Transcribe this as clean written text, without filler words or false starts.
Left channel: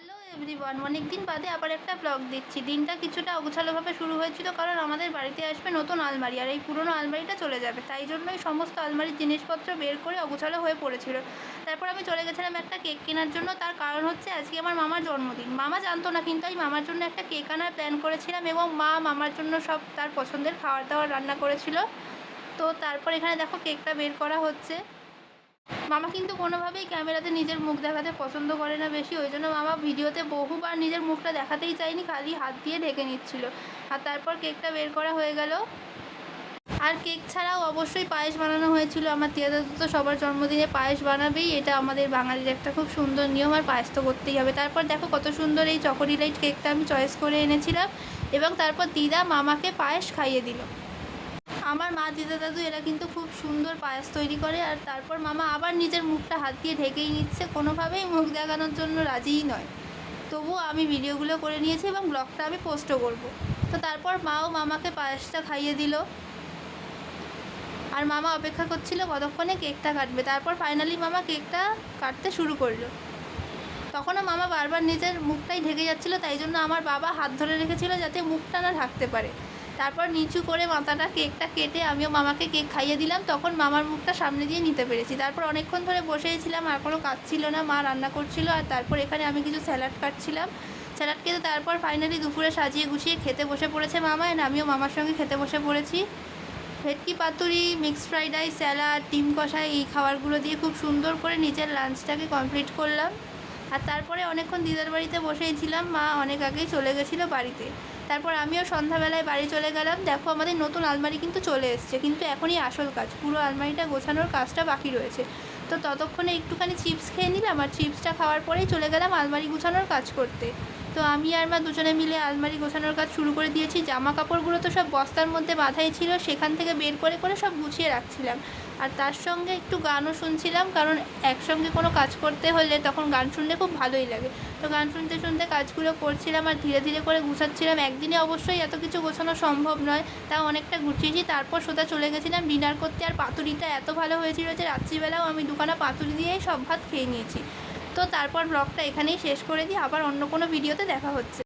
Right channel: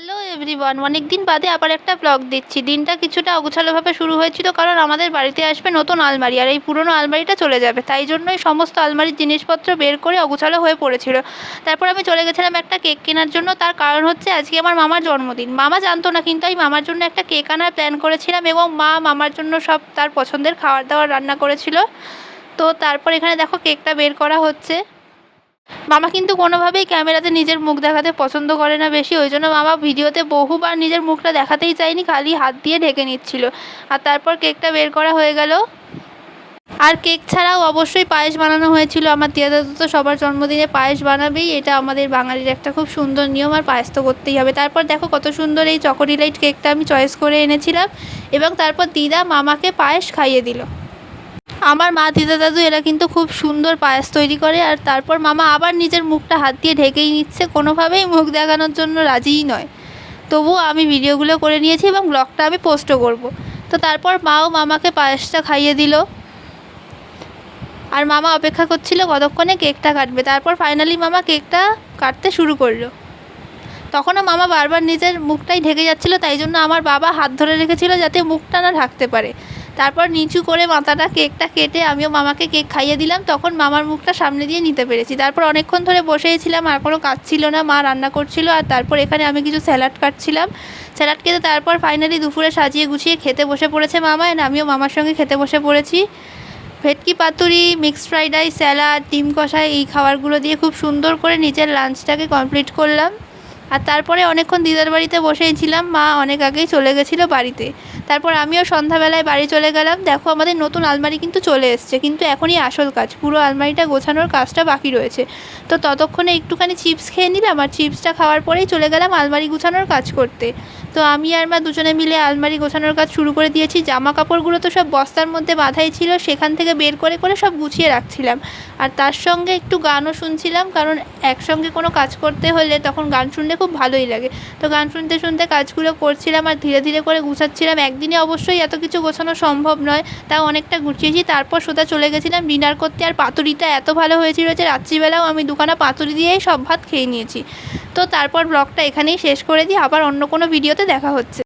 Hello everyone, অনেক দিন বাদে আবার একটা ব্লগ দিচ্ছি। দিনটা কিছুটা অগোছালোভাবে শুরু হয়েছিল, কারণ আমাদের বাড়িতে আসবে নতুন আলমারি, আর এই পুরনো আলমারিটা চলে যাবে। তাই জন্যই সমস্ত আলমারির জিনিসপত্র বের করে অগোছালো হয়ে পড়েছিল। তারপর আমি চলে গেছিলাম একটা কেক কেনার জন্য। তার কারণ হচ্ছে আজকে আমার মামার জন্মদিন। মামা জানতো না, কিন্তু আমি মামার জন্য একটা কেক আনার প্ল্যান করেছিলাম, এবং মা মামার জন্য সব তার পছন্দের খাবার দাবার রান্না করেছিল। তো তারপর এখানে দেখো কেকটা বের করা হচ্ছে। মামা কিন্তু কোনোভাবেই ক্যামেরাতে নিজের মুখ দেখাতে পছন্দ করে না বেশি, ওই জন্য মামা ভিডিওতে বহুবার নিজের মুখটা দেখাতেই চায়নি, খালি হাত দিয়ে ঢেকে নিচ্ছিল। আর তারপর কেকটা বের করা হয়ে গেল। আর কেক ছাড়াও অবশ্যই পায়েস বানানো হয়েছিল। আমার তিয়া দাদু তো সবার জন্মদিনে পায়েস বানাবেই, এটা আমাদের বাঙালির একটা খুব সুন্দর নিয়ম, আর পায়েস তো করতেই হবে। তারপর দেখো কত সুন্দর এই চকোডিলাইট কেকটা আমি চয়েস করে এনেছিলাম, এবং তারপর দিদা মামাকে পায়েস খাইয়ে দিল। আমার মা দিদা দাদু এরা কিন্তু খুব সুন্দর পায়েস তৈরি করে। আর তারপর মামা আবার নিজের মুখটা হাত দিয়ে ঢেকেই নিচ্ছে, কোনোভাবেই মুখ দেখানোর জন্য রাজিই নয়। তবুও আমি ভিডিওগুলো করে নিয়েছি এবং ব্লগটা আমি পোস্টও করব। তো তারপর মাও মামাকে পায়েসটা খাইয়ে দিল, আর মামা অপেক্ষা করছিল কতক্ষণে কেকটা কাটবে। তারপর ফাইনালি মামা কেকটা কাটতে শুরু করলো। তখনও মামা বারবার নিজের মুখটাই ঢেকে যাচ্ছিলো, তাই জন্য আমার বাবা হাত ধরে রেখেছিল যাতে মুখটা না ঢাকতে পারে। তারপর নিচু করে মাথাটা কেকটা কেটে আমিও মামাকে কেক খাইয়ে দিলাম। তখন মামার মুখটা সামনে দিয়ে নিতে পেরেছি। তারপর অনেকক্ষণ ধরে বসেছিলাম, আর কোনো কাজ ছিল না, মা রান্না করছিল। আর তারপর এখানে আমি কিছু স্যালাড কাটছিলাম। স্যালাড কেটে তারপর ফাইনালি দুপুরে সাজিয়ে গুছিয়ে খেতে বসে পড়েছে মামা, আর আমিও মামার সঙ্গে খেতে বসে পড়েছি। ভেটকি পাতুরি, মিক্সড ফ্রাইড রাইস, স্যালাড, ডিম কষা, এই খাবারগুলো দিয়ে খুব সুন্দর করে নিজের লাঞ্চটাকে কমপ্লিট করলাম। আর তারপরে অনেকক্ষণ দিদার বাড়িতে বসেই ছিলাম, মা অনেক আগেই চলে গেছিলো বাড়িতে। তারপর আমিও সন্ধ্যাবেলায় বাড়ি চলে গেলাম। দেখো আমাদের নতুন আলমারি কিন্তু চলে এসছে, কিন্তু এখনই আসল কাজ, পুরো আলমারিটা গোছানোর কাজটা বাকি রয়েছে। তো ততক্ষণে একটুখানি চিপস খেয়ে নিলাম, আর চিপসটা খাওয়ার পরেই চলে গেলাম আলমারি গুছানোর কাজ করতে। তো আমি আর মা দুজনে মিলে আলমারি গোছানোর কাজ শুরু করে দিয়েছি। জামা কাপড়গুলো তো সব বস্তার মধ্যে বাঁধাই ছিল, সেখান থেকে বের করে করে সব গুছিয়ে রাখছিলাম। আর তার সঙ্গে একটু গানও শুনছিলাম, কারণ একসঙ্গে কোনো কাজ করতে হলে তখন গান শুনলে খুব ভালোই লাগে। তো গান শুনতে শুনতে কাজগুলো করছিলাম, আর ধীরে ধীরে করে গুছাচ্ছিলাম। একদিনে অবশ্যই এত কিছু গোছানো সম্ভব নয়, তাও অনেকটা গুছিয়েছি। তারপর সোজা চলে গেছিলাম ডিনার করতে। আর পাতুরিটা এত ভালো হয়েছিল যে রাত্রিবেলাও আমি দুখানা পাতুরি দিয়েই সব ভাত খেয়ে নিয়েছি। তো তারপর ব্লগটা এখানেই শেষ করে দিই, আবার অন্য কোনো ভিডিওতে দেখা হচ্ছে।